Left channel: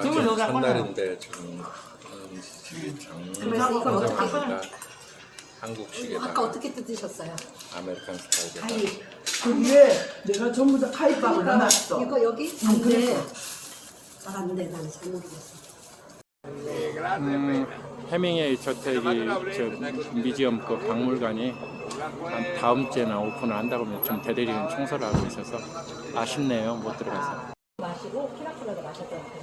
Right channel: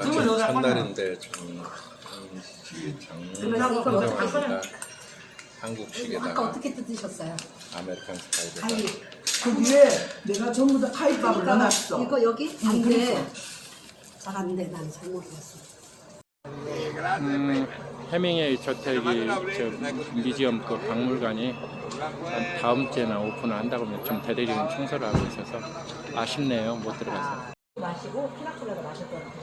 등을 여기다 첫날인데 좀 장르가 한국식에다가 아까 어떻게 뜯으셨어요? 아메리칸 스타일에다가 그 위에 내가 전부 다 카이밥을 넣어놨어. 이거 여기? 안 돼. 잘안 돼. 난 잘 모르겠어. 음, 해밍웨이 저택이 저 뮤지엄 그 박물관이 한 다음 주에나 오픈을 한다고 하면 좀 대대적인 청소를 하고 있어서 아쉽네요 못 들어가서 마시고 피나콜라도 마셨던 그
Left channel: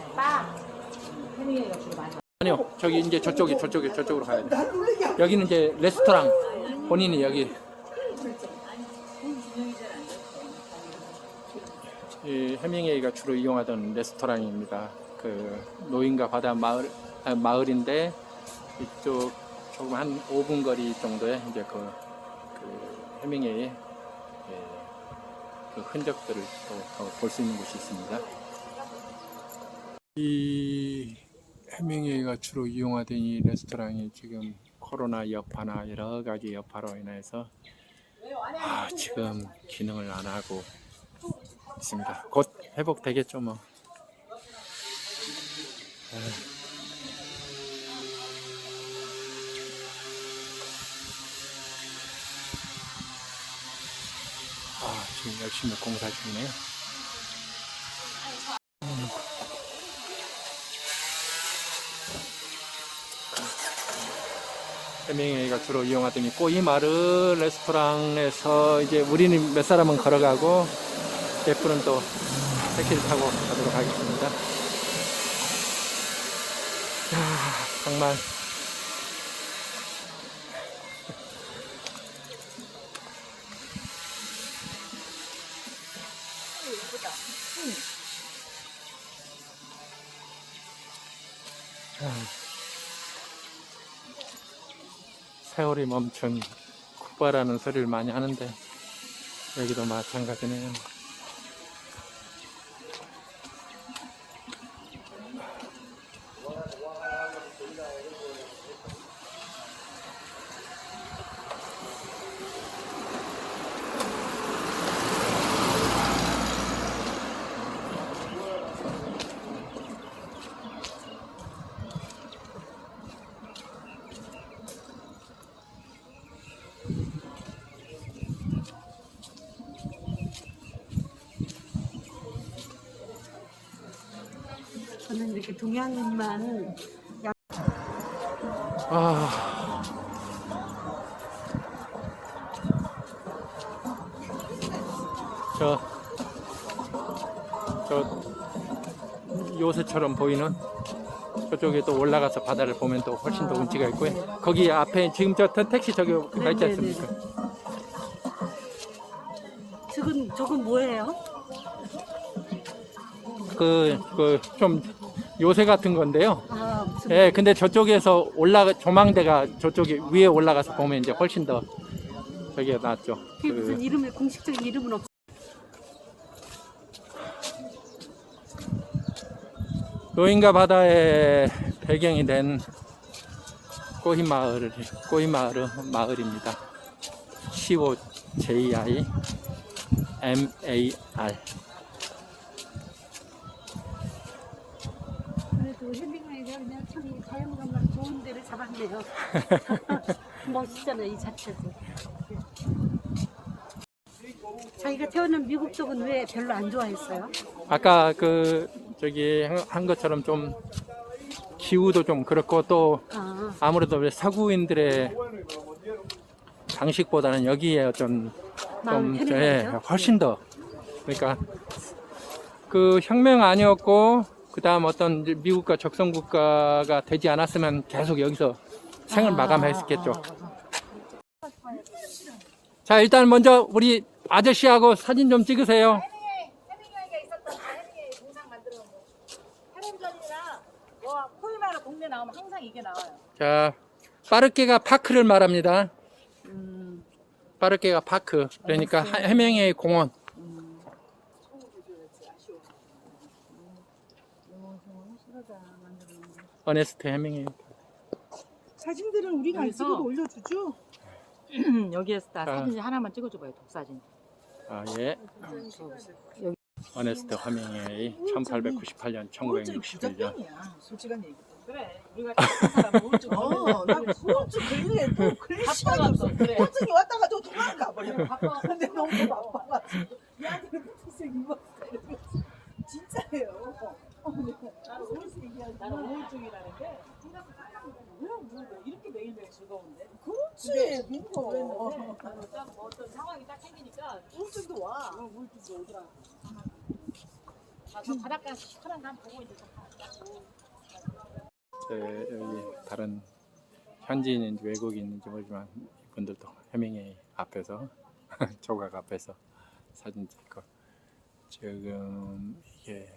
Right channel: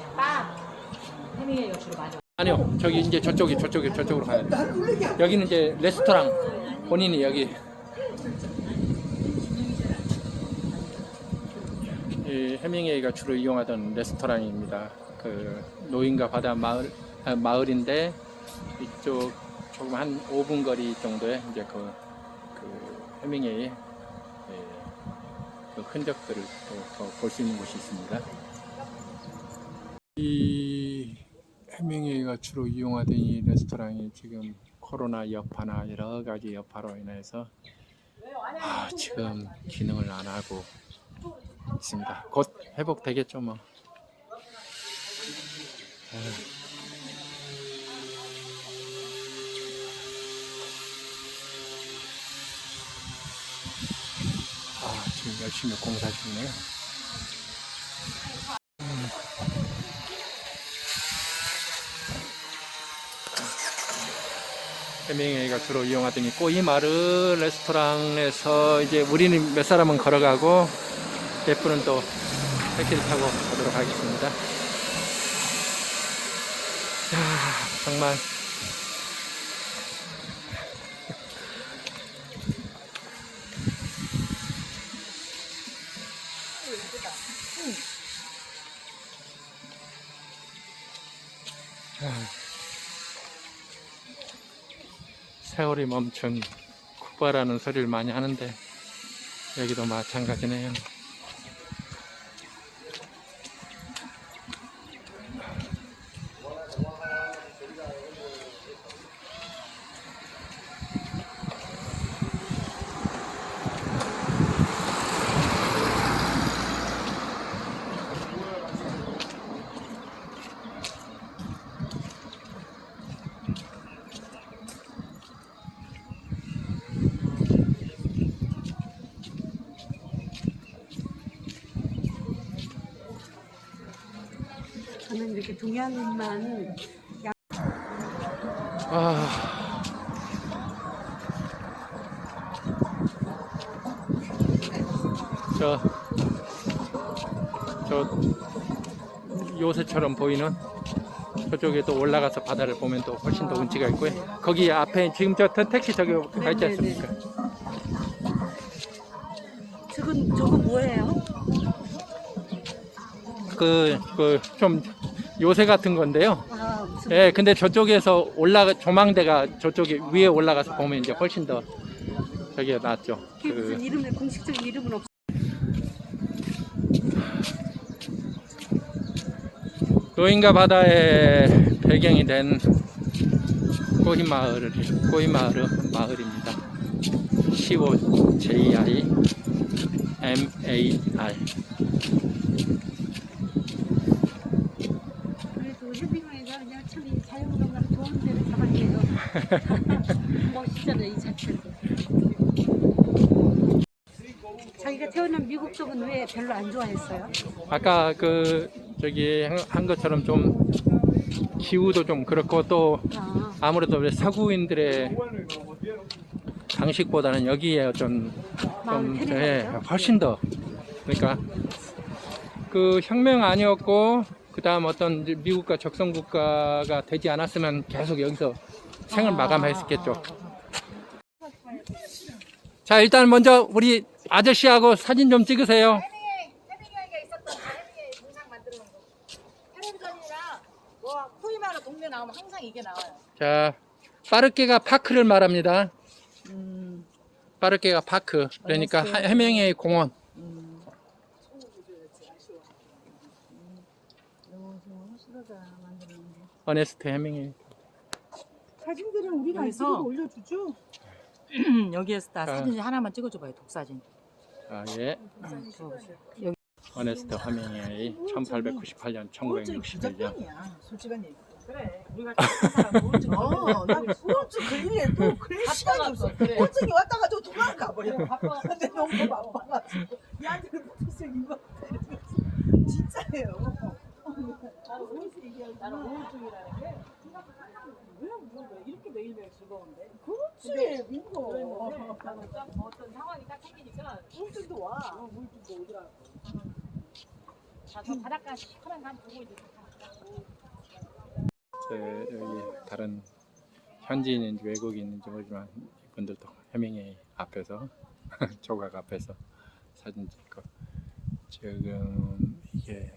많이. 아니요 저기 이제 저쪽이 저쪽이 저쪽으로 가야 돼 여기는 이제 레스토랑 본인이 여기. 이 해밍웨이가 주로 이용하던 레스토랑입니다. 그 노인과 바다 마을 아, 마을인데 이쪽 조금 한 5분 거리 정도에 이제 그, 그 해밍웨이 예, 그 흔적들을 또 볼 수 있는 곳이 있습니다. 이 해밍웨이가 주로 이용하던 이 레스토랑이 지금 코로나 여파나 여러 가지 여파로 인해서 아, 지금 기능을 안 하고 있습니다. 곧 회복되겠죠 뭐. 아, 지금 열심히 공사 중이네요. 해밍웨이가 주로 이용하던 이 꼬이마르 레스토랑에서 이제 우리는 몇 사람은 걸어가고 예프는 또 택시를 타고 가도록 하겠습니다. 야, 정말 세월이 멈춘 쿠바라는 소리를 많이 하는데 여기도 마찬가지네요. 저는 이렇게 동양인만 아, 저, 저 요새처럼 보이는 저쪽에 또 올라가서 바다를 보면 또 훨씬 더 운치가 있고요. 거기 앞에 지금 저 택시 저기 가 있지 않습니까? 저건 저건 뭐예요? 그, 그, 좀 요새 같은 건데요. 아 무슨 예, 근데 저쪽에서 올라가, 조망대가 저쪽에 위에 올라가서 보면 이제 훨씬 더 저기에 낫죠. 그게 무슨 그, 이름을 공식적인 이름은 없어. 노인과 바다의 배경이 된 꼬이마을, 꼬이마을 마을입니다. C-O J-I M-A-R. 그래도 해밍웨이가 그냥 참이 자연경관 좋은 데를 잡았네요. 멋있잖아 이 자체. 자기가 태어난 미국 쪽은 왜 별로 안 좋아했어요? 아까 그, 저기 한- 한 것처럼 좀 기후도 좀 그렇고 또 아, 아무래도 왜 서구인들의 장식보다는 여기에 좀, 좀. 예, 훨씬 더 그러니까 그 혁명 아니었고 그 다음 어떤 미국과 적성 국가가 되지 않았으면 계속 여기서 생을 마감했겠죠. 자 일단 먼저 우리 아저씨하고 사진 좀 찍으세요. 해밍웨이 자 빠르게가 파크를 말합니다. 빠르게가 파크 그러니까 하- 해명의 공원. 어네스트 해밍웨이. 사진들은 우리가 안 여기서? 쓰고 올려주죠? 여기에서 다 자. 사진 하나만 찍어줘봐요 독사진 아 예. 여기 어네스트 허밍웨이 1898년 1961년 부작용이야. 솔직한 얘기. 그래 우리가 사람 우울증 어, 나 후유증 걸리해도 그럴 시간이 없어. 그래 왔다 가지고 도망가 버려. 바빠 근데 너무 바빠가지고 야들 무슨 이거 진짜예요. 나는 우울증 나는 우울증이라는 게 왜, 뭐, 이렇게 매일매일 즐거운데 그렇지, 민호. 그랬는데 나는 딱뭐 어떤 상황이 딱 생기니까 우울증도 와. 우울증도 오더라고 아저 바닷가 시원한 남 보고 이제 좀 가고 저 여기 다른 현지인인지 외국인인지 모르지만 이분들도 해밍웨이 앞에서 조각 앞에서 사진 찍고 지금 이게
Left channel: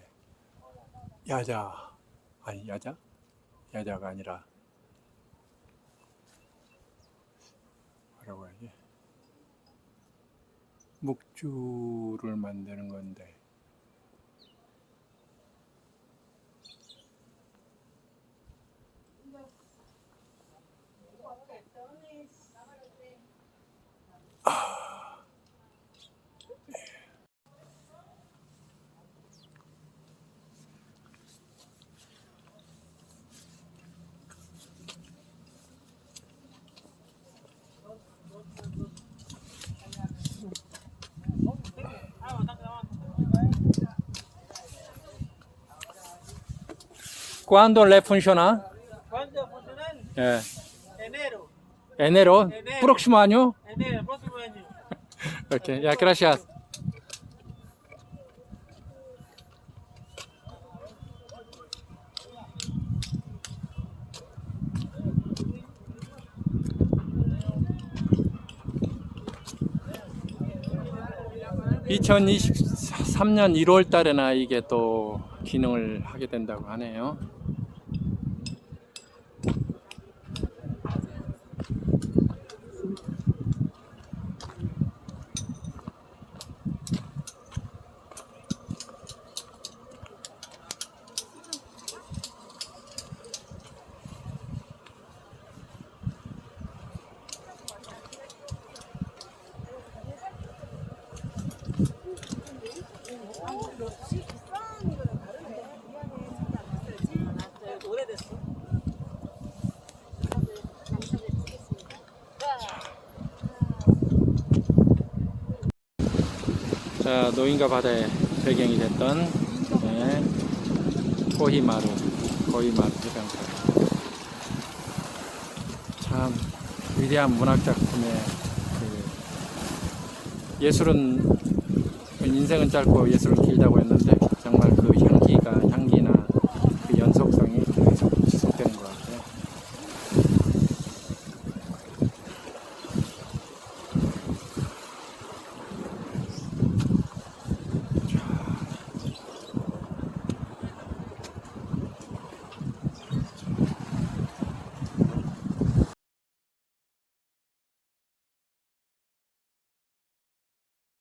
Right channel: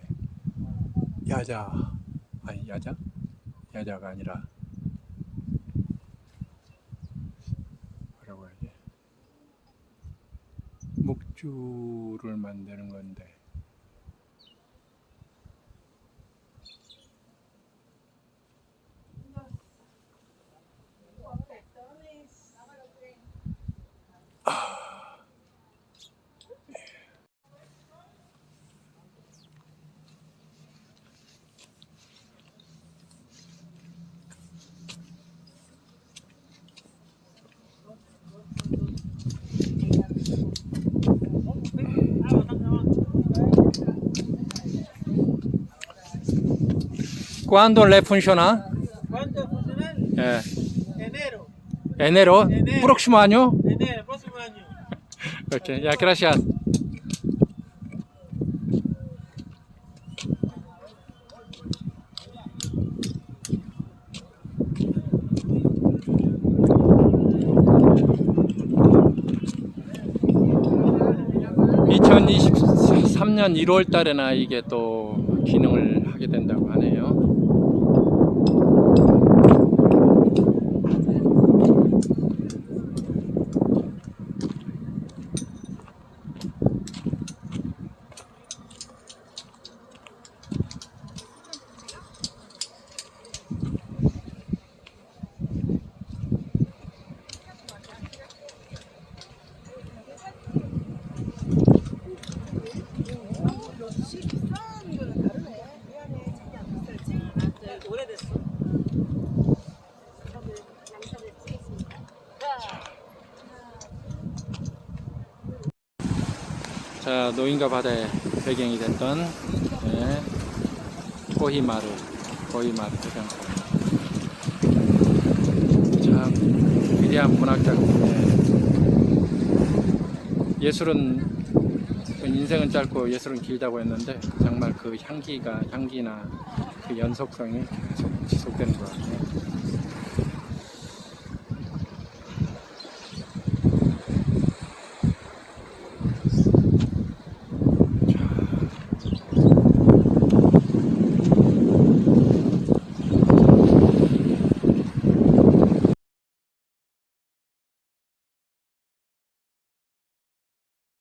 야자. 아니 야자? 야자가 아니라 뭐라고 해야지 묵주를 만드는 건데 ¿Cuándo le funciona? ¿Cuándo funcionan? Eh, Enero. enero, Enero. próximo año. Enero, próximo año. Ok, ya, gracias. (2023년 1월) 달에나 이게 또 기능을 하게 된다고 하네요 자, 노인과 바다의 배경이 됐던 네, 코히마루, 코히마루 해변가. 참 위대한 문학 작품에 예술은 인생은 짧고 예술은 길다고 했는데 정말 그 향기가 향기나